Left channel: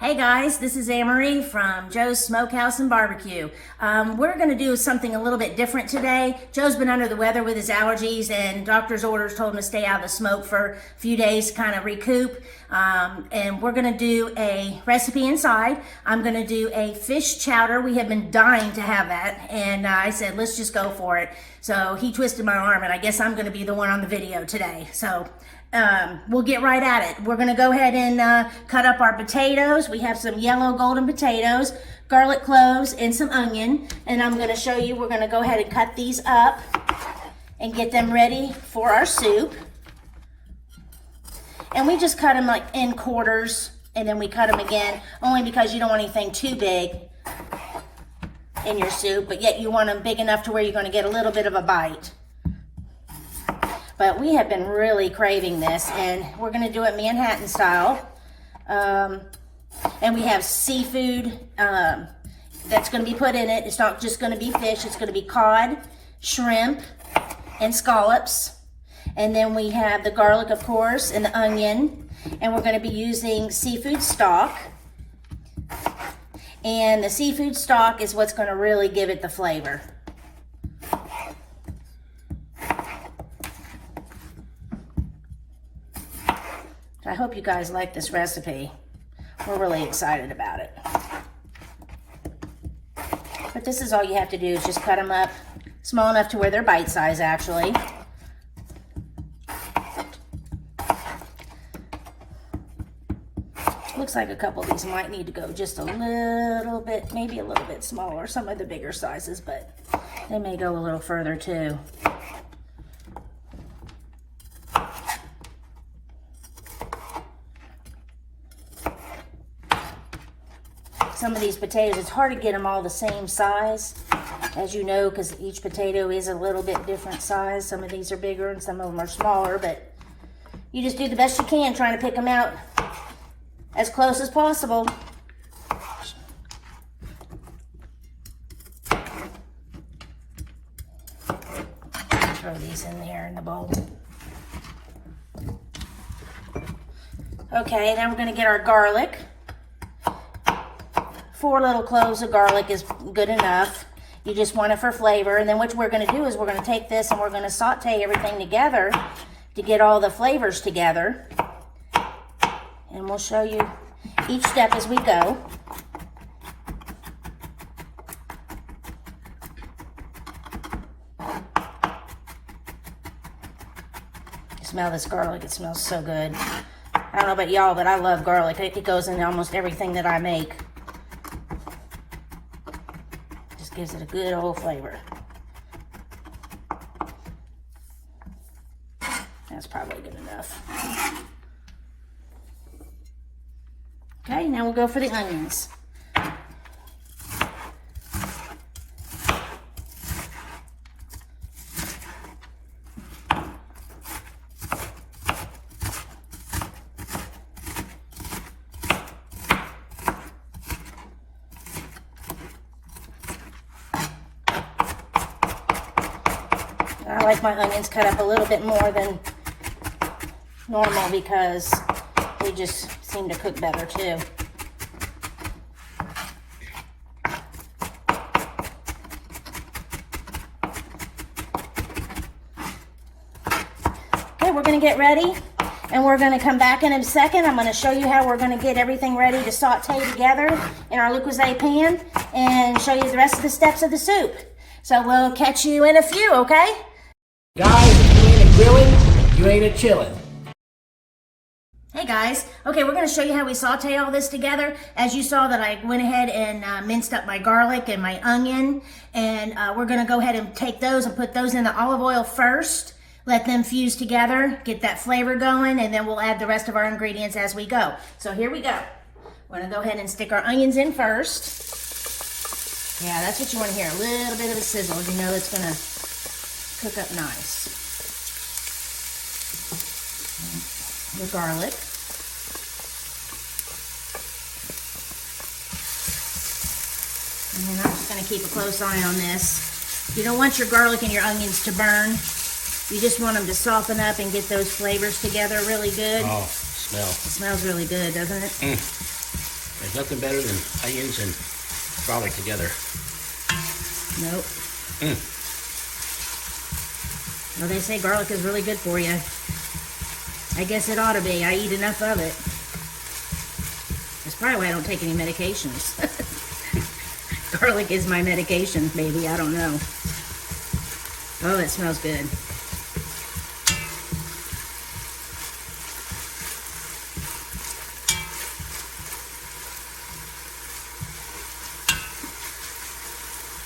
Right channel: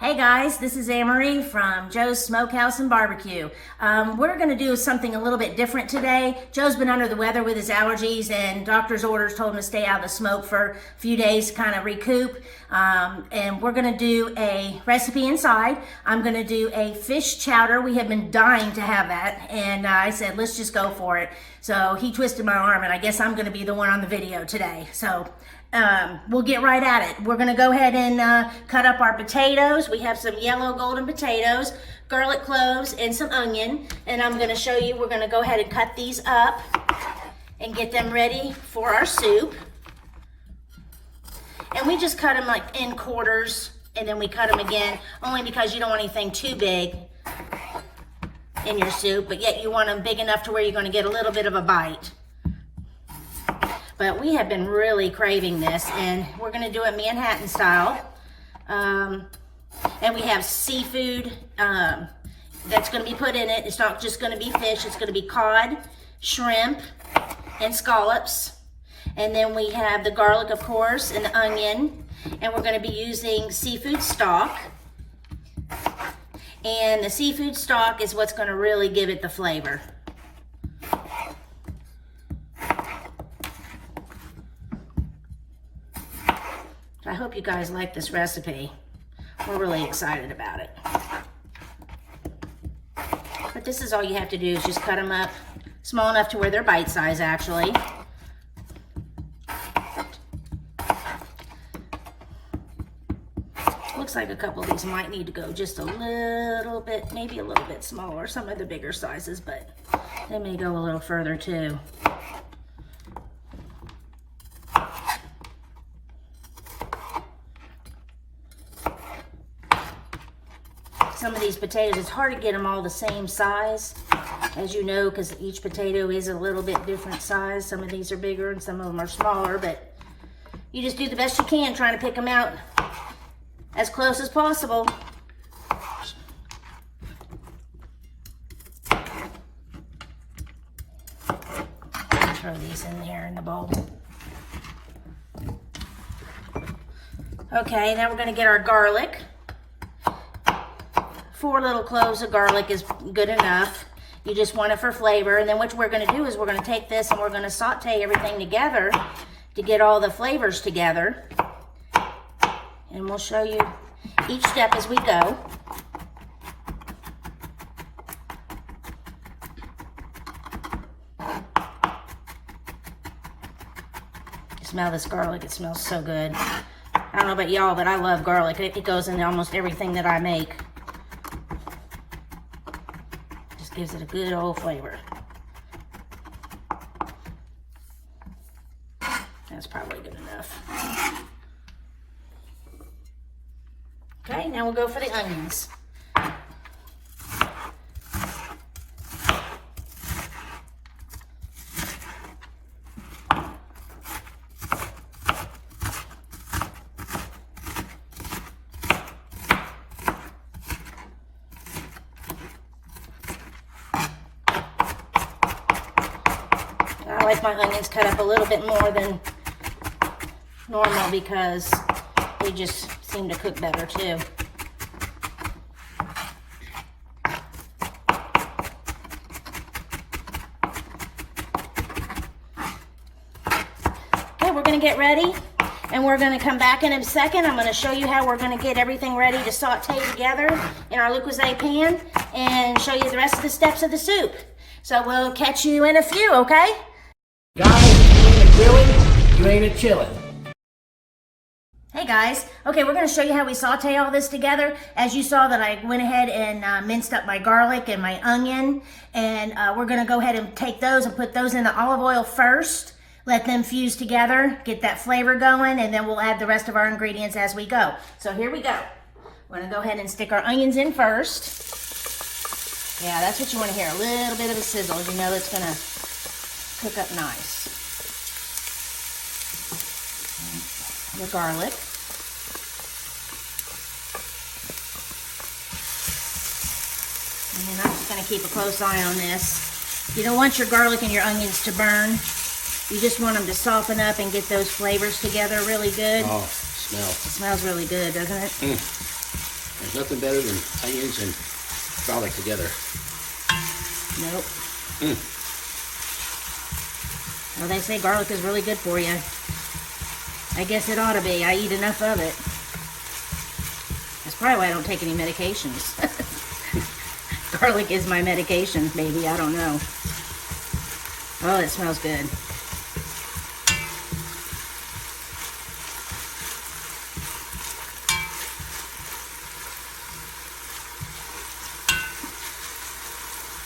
Hey guys, this is Anne-Marie from Joe's Smokehouse and Barbecue. We're going to do something a little bit different today. Joe's been under the weather with his allergies and doctor's orders told him to stay out of the smoke for a few days to kind of recoup. And we're going to do a recipe inside. I'm going to do a fish chowder. We have been dying to have that. And I said, let's just go for it. So he twisted my arm and I guess I'm going to be the one on the video today. So we'll get right at it. We're going to go ahead and cut up our potatoes. We have some yellow golden potatoes, garlic cloves, and some onion. And I'm going to show you, we're going to go ahead and cut these up and get them ready for our soup. And we just cut them like in quarters, and then we cut them again, only because you don't want anything too big in your soup, but yet you want them big enough to where you're going to get a little bit of a bite. But we have been really craving this, and we're going to do it Manhattan style. And we have seafood that's going to be put in it. It's not just going to be fish. It's going to be cod, shrimp, and scallops. And then we have the garlic, of course, and the onion. And we're going to be using seafood stock. And the seafood stock is what's going to really give it the flavor. I hope you guys like this recipe. We're really excited about it. But this is all you have to do is just cut them up small enough to where they're bite size actually. Looks like a couple of these might need to go just a little bit, maybe a little bit smaller. Some of the bigger sizes, but they may go a little further too. Some of these potatoes, it's hard to get them all the same size, as you know, because each potato is a little bit different size. Some of these are bigger and some of them are smaller, but you just do the best you can trying to pick them out as close as possible. Throw these in there in the bowl. Okay, now we're going to get our garlic. 4 little cloves of garlic is good enough. You just want it for flavor. And then what we're going to do is we're going to take this and we're going to saute everything together to get all the flavors together. And we'll show you each step as we go. Smell this garlic. It smells so good. I don't know about y'all, but I love garlic. It goes in almost everything that I make. Gives it a good old flavor. That's probably good enough. Okay, now we'll go for the onions. I like my onions cut up a little bit more than normal because they just seem to cook better too. Okay, we're going to get ready and we're going to come back in a second. I'm going to show you how we're going to get everything ready to saute together in our Lucozade pan and show you the rest of the steps of the soup. So we'll catch you in a few, okay? Guys, if you ain't a grilling, you ain't a chilling. Hey guys, okay, we're going to show you how we saute all this together. As you saw that I went ahead and minced up my garlic and my onion, and we're going to go ahead and take those and put those in the olive oil first, let them fuse together, get that flavor going, and then we'll add the rest of our ingredients as we go. So here we go. We're going to go ahead and stick our onions in first. Yeah, that's what you want to hear, a little bit of a sizzle. You know it's going to cook up nice. The garlic. And I'm just going to keep a close eye on this. You don't want your garlic and your onions to burn. You just want them to soften up and get those flavors together really good. Oh, smell. It smells really good, doesn't it? There's Nothing better than onions and garlic together. Nope. Well, they say garlic is really good for you. I guess it ought to be. I eat enough of it. That's probably why I don't take any medications. Garlic is my medication, baby. I don't know. Oh, it smells good.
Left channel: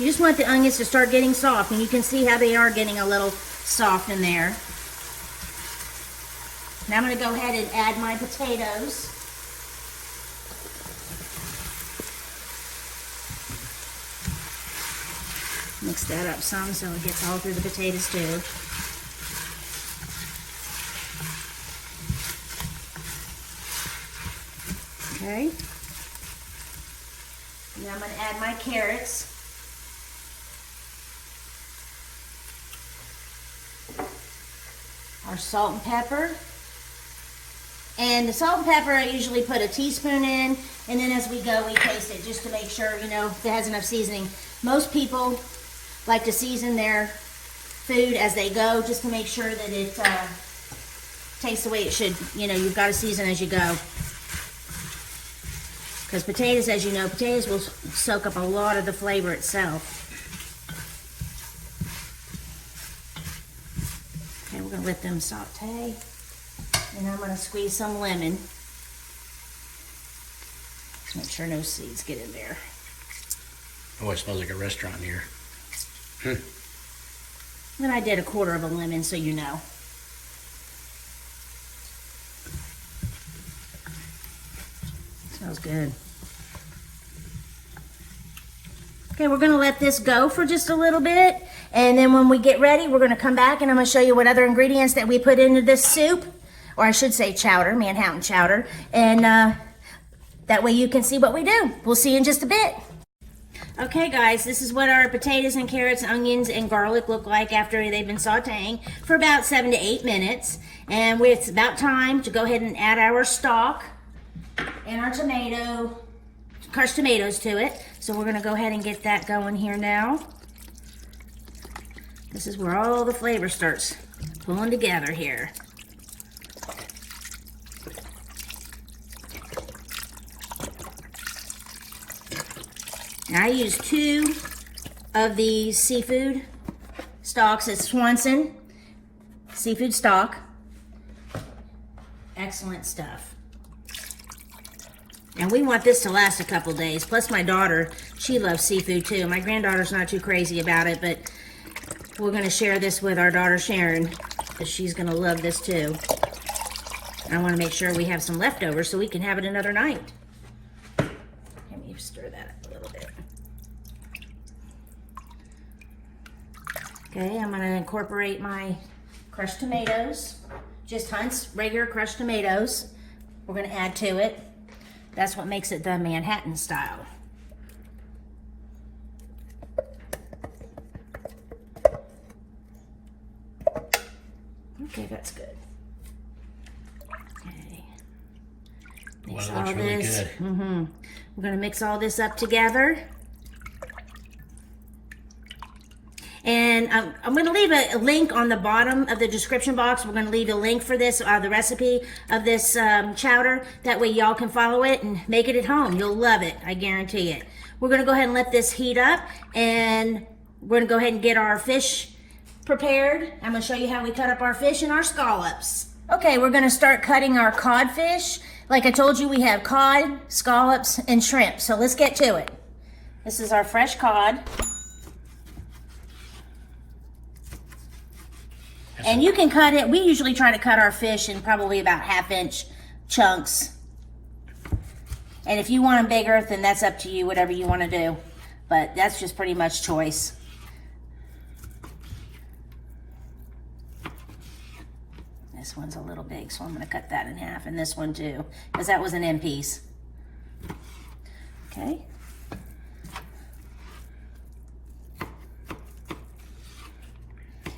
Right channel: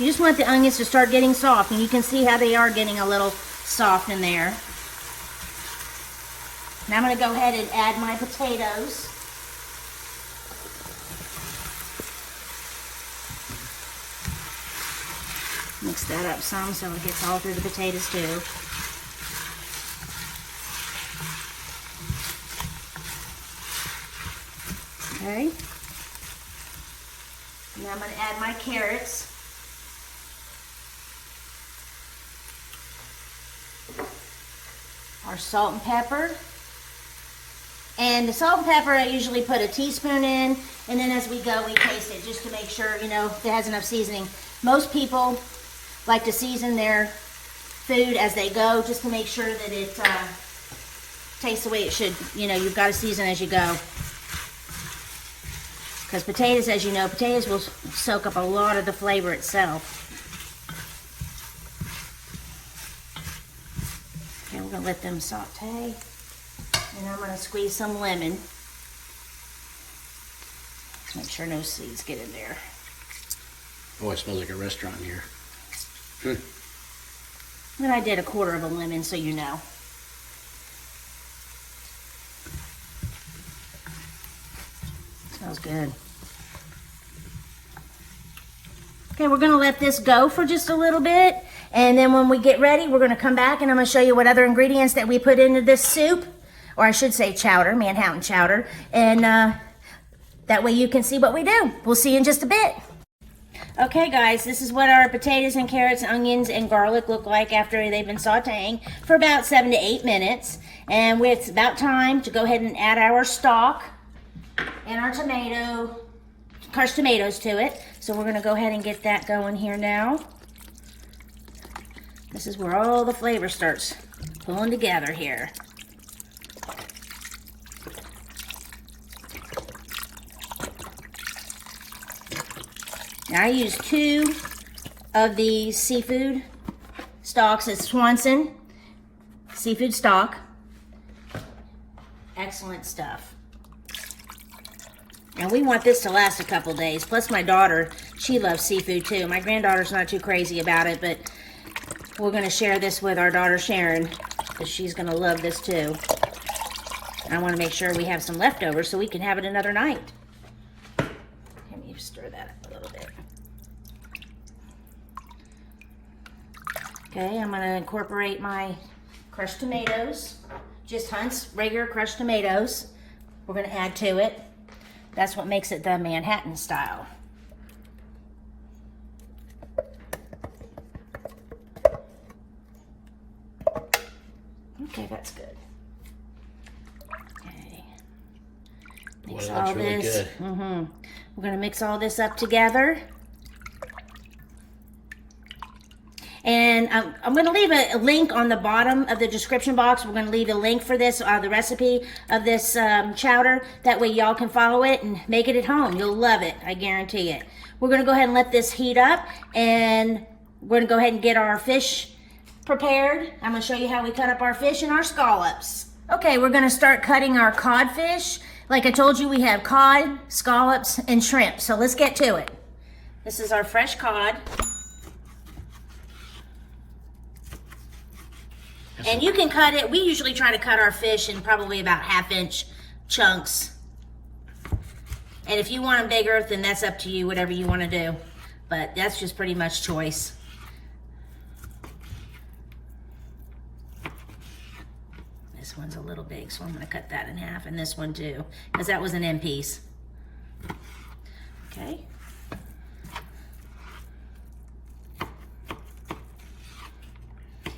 You just want the onions to start getting soft, and you can see how they are getting a little soft in there. Now I'm going to go ahead and add my potatoes. Mix that up some so it gets all through the potatoes too. Okay. Now I'm going to add my carrots. Our salt and pepper. And the salt and pepper, I usually put a teaspoon in, and then as we go, we taste it just to make sure, you know, it has enough seasoning. Most people like to season their food as they go, just to make sure that it tastes the way it should. You know, you've got to season as you go. Because potatoes, as you know, potatoes will soak up a lot of the flavor itself. Okay, we're going to let them saute. And I'm going to squeeze some lemon. Make sure no seeds get in there. Oh, it smells like a restaurant here. And I did 1/4 of a lemon, so you know. Smells good. Okay, we're going to let this go for just a little bit. And then when we get ready, we're going to come back and I'm going to show you what other ingredients that we put into this soup. Or I should say chowder, Manhattan chowder. And that way you can see what we do. We'll see you in just a bit. Okay guys, this is what our potatoes and carrots, onions, and garlic look like after they've been sauteing for about 7 to 8 minutes. And it's about time to go ahead and add our stock and our crushed tomatoes to it. So we're gonna go ahead and get that going here now. This is where all the flavor starts pulling together here. Now I use 2 of the seafood stocks. It's Swanson seafood stock. Excellent stuff. And we want this to last a couple days. Plus my daughter, she loves seafood too. My granddaughter's not too crazy about it, but we're going to share this with our daughter Sharon, because she's going to love this too. I want to make sure we have some leftovers so we can have it another night. Let me stir that up a little bit. Okay, I'm going to incorporate my crushed tomatoes. Just Hunt's regular crushed tomatoes. We're going to add to it. That's what makes it the Manhattan style. Okay, that's good. Okay. Mix Well, that's really good. We're going to mix all this up together. And I'm going to leave a link on the bottom of the description box. We're going to leave a link for this, the recipe of this chowder. That way y'all can follow it and make it at home. You'll love it. I guarantee it. We're going to go ahead and let this heat up. And we're going to go ahead and get our fish prepared. I'm going to show you how we cut up our fish and our scallops. Okay, we're going to start cutting our codfish. Like I told you, we have cod, scallops, and shrimp. So let's get to it. This is our fresh cod. And you can cut it, we usually try to cut our fish in probably about 1/2-inch chunks. And if you want them bigger, then that's up to you, whatever you want to do. But that's just pretty much choice. This one's a little big, so I'm going to cut that in half. And this one too, because that was an end piece. Okay.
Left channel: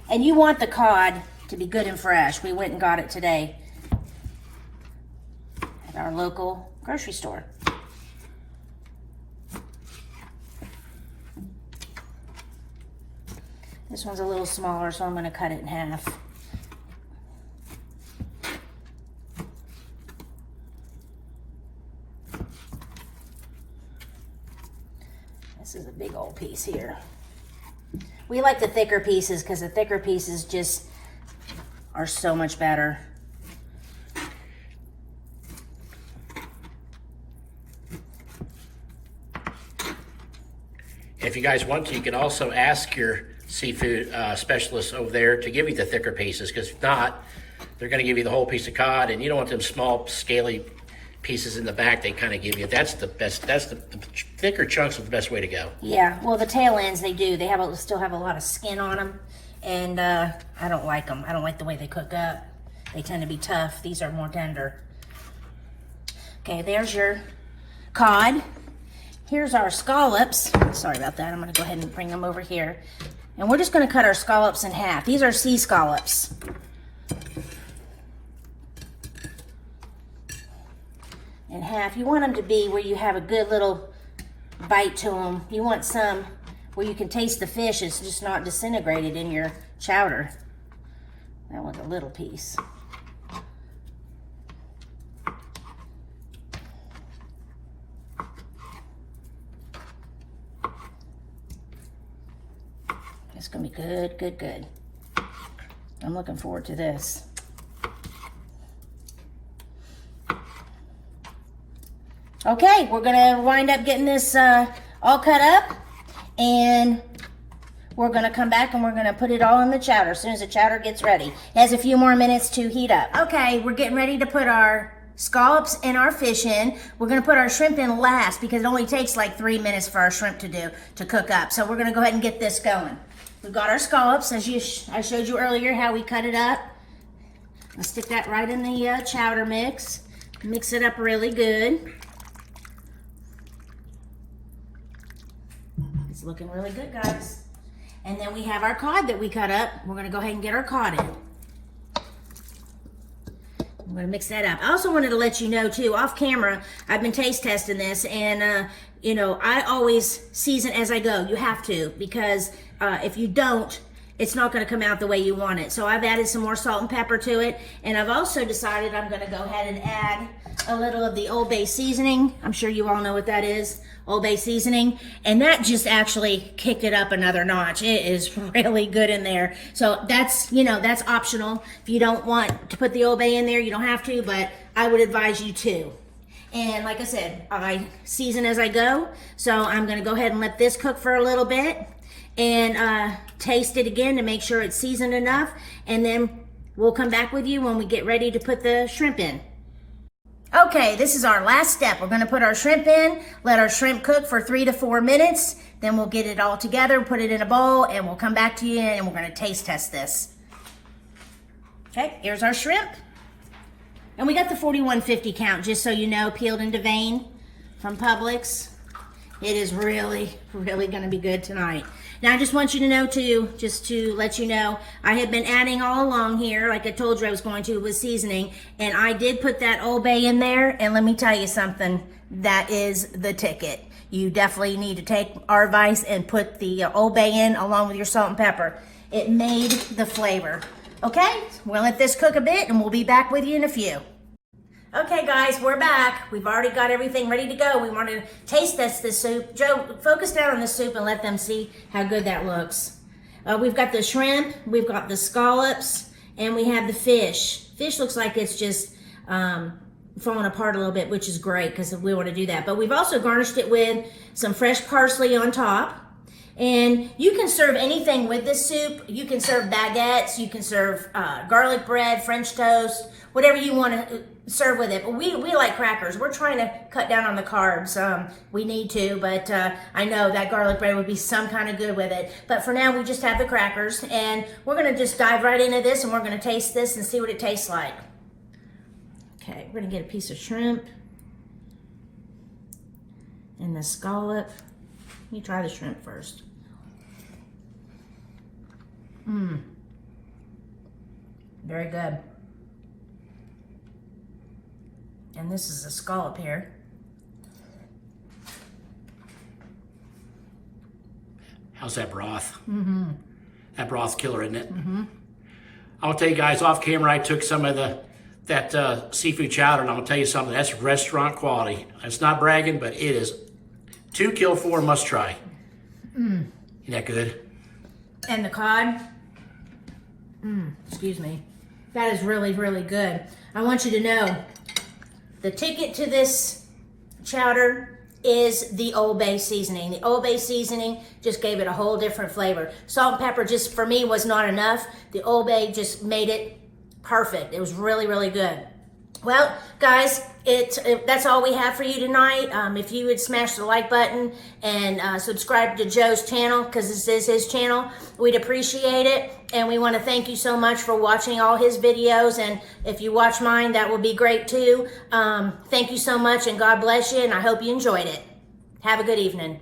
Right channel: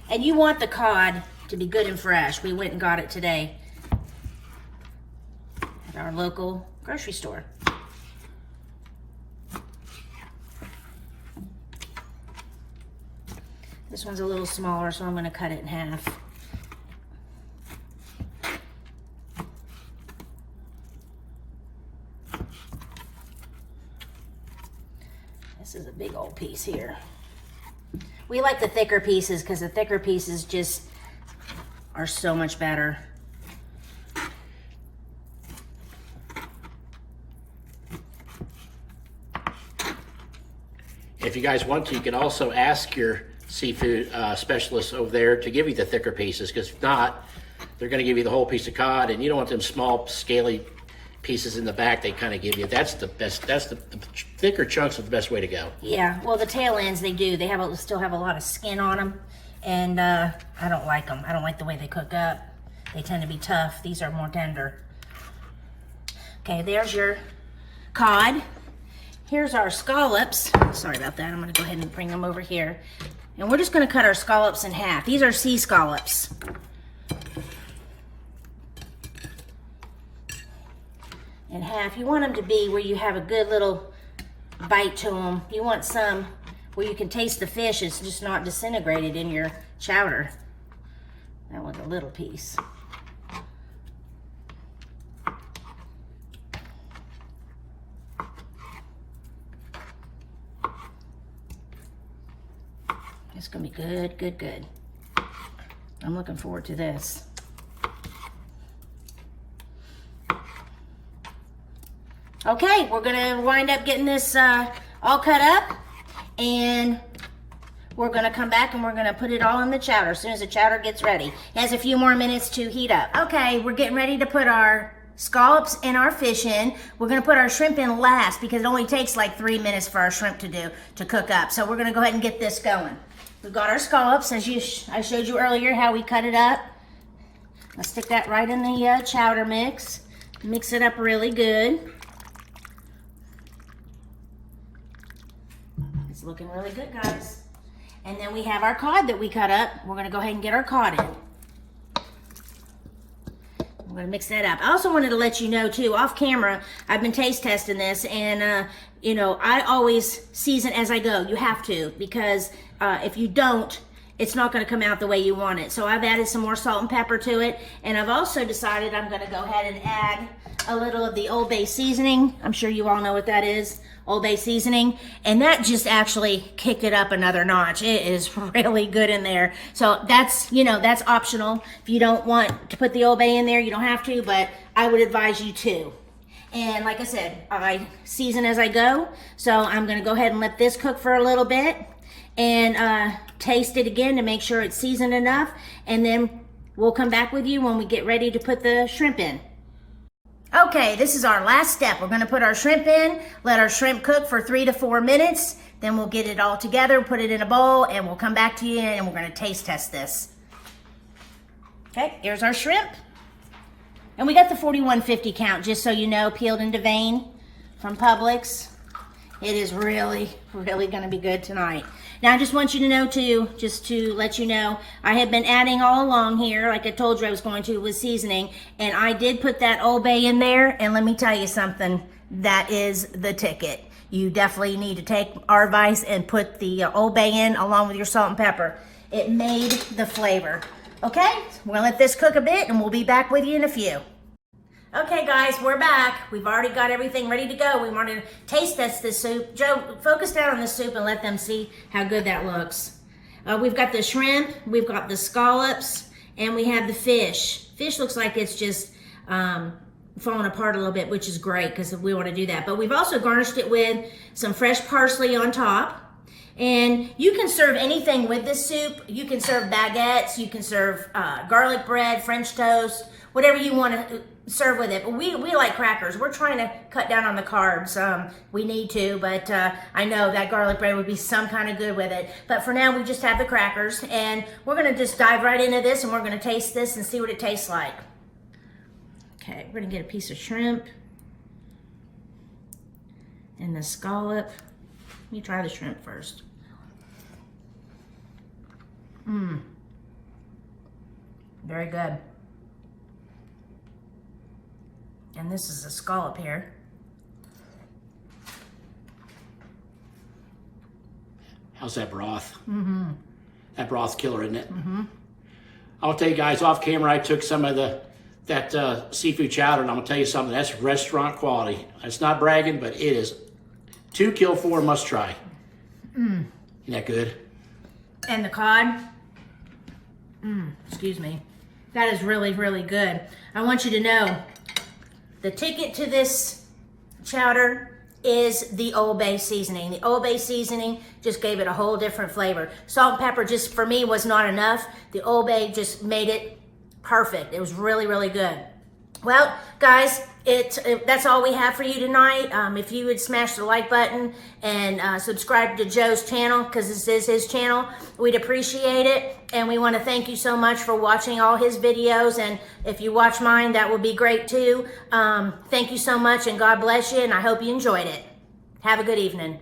And you want the cod to be good and fresh. We went and got it today at our local grocery store. This one's a little smaller, so I'm going to cut it in half. This is a big old piece here. We like the thicker pieces because the thicker pieces just are so much better. If you guys want to, you can also ask your seafood specialist over there to give you the thicker pieces, because if not, they're going to give you the whole piece of cod, and you don't want them small, scaly pieces in the back they kind of give you. That's the best. That's the thicker chunks are the best way to go. Yeah, well, the tail ends, they do. They still have a lot of skin on them, and I don't like them. I don't like the way they cook up. They tend to be tough. These are more tender. Okay, there's your cod. Here's our scallops. Sorry about that. I'm going to go ahead and bring them over here. And we're just going to cut our scallops in half. These are sea scallops. In half. You want them to be where you have a good little bite to them. You want some where you can taste the fish. It's just not disintegrated in your chowder. That was a little piece. It's gonna be good, good, good. I'm looking forward to this. Okay, we're gonna wind up getting this all cut up, and we're gonna come back and we're gonna put it all in the chowder as soon as the chowder gets ready. It has a few more minutes to heat up. Okay, we're getting ready to put our scallops and our fish in. We're gonna put our shrimp in last because it only takes like 3 minutes for our shrimp to cook up. So we're gonna go ahead and get this going. We've got our scallops, as I showed you earlier how we cut it up. Let's stick that right in the chowder mix. Mix it up really good. It's looking really good, guys. And then we have our cod that we cut up. We're gonna go ahead and get our cod in. I'm gonna mix that up. I also wanted to let you know too, off camera, I've been taste testing this, and you know, I always season as I go. You have to, because if you don't, it's not going to come out the way you want it. So I've added some more salt and pepper to it, and I've also decided I'm going to go ahead and add a little of the Old Bay seasoning. I'm sure you all know what that is, Old Bay seasoning, and that just actually kicked it up another notch. It is really good in there. So that's, you know, that's optional. If you don't want to put the Old Bay in there, you don't have to, but I would advise you to. And like I said, I season as I go. So I'm going to go ahead and let this cook for a little bit and taste it again to make sure it's seasoned enough. And then we'll come back with you when we get ready to put the shrimp in. Okay, this is our last step. We're going to put our shrimp in, let our shrimp cook for 3 to 4 minutes. Then we'll get it all together, put it in a bowl, and we'll come back to you and we're going to taste test this. Okay, here's our shrimp. And we got the 41.50 count, just so you know, peeled into vein from Publix. It is really, really going to be good tonight. Now, I just want you to know, too, just to let you know, I have been adding all along here, like I told you I was going to, with seasoning. And I did put that Old Bay in there. And let me tell you something, that is the ticket. You definitely need to take our advice and put the Old Bay in along with your salt and pepper. It made the flavor. Okay, we'll let this cook a bit and we'll be back with you in a few. Okay guys, we're back. We've already got everything ready to go. We want to taste test this soup. Joe, focus down on the soup and let them see how good that looks. We've got the shrimp, we've got the scallops, and we have the fish. Fish looks like it's just falling apart a little bit, which is great because we want to do that. But we've also garnished it with some fresh parsley on top. And you can serve anything with this soup. You can serve baguettes, you can serve garlic bread, French toast, whatever you want to serve with it. But we like crackers. We're trying to cut down on the carbs. We need to, but I know that garlic bread would be some kind of good with it. But for now, we just have the crackers. And we're going to just dive right into this, and we're going to taste this and see what it tastes like. Okay, we're going to get a piece of shrimp and the scallop. Let me try the shrimp first. Very good. And this is a scallop here. How's that broth? That broth's killer, isn't it? I'll tell you guys, off camera, I took some of that seafood chowder, and I'm gonna tell you something, that's restaurant quality. It's not bragging, but it is 2 kill 4 must try. Isn't that good? And the cod, excuse me, that is really, really good. I want you to know, the ticket to this chowder is the Old Bay seasoning. The Old Bay seasoning just gave it a whole different flavor. Salt and pepper just, for me, was not enough. The Old Bay just made it perfect. It was really, really good. Well, guys, that's all we have for you tonight. If you would smash the like button and subscribe to Joe's channel, because this is his channel, we'd appreciate it. And we want to thank you so much for watching all his videos. And if you watch mine, that will be great too. Thank you so much, and God bless you, and I hope you enjoyed it. Have a good evening.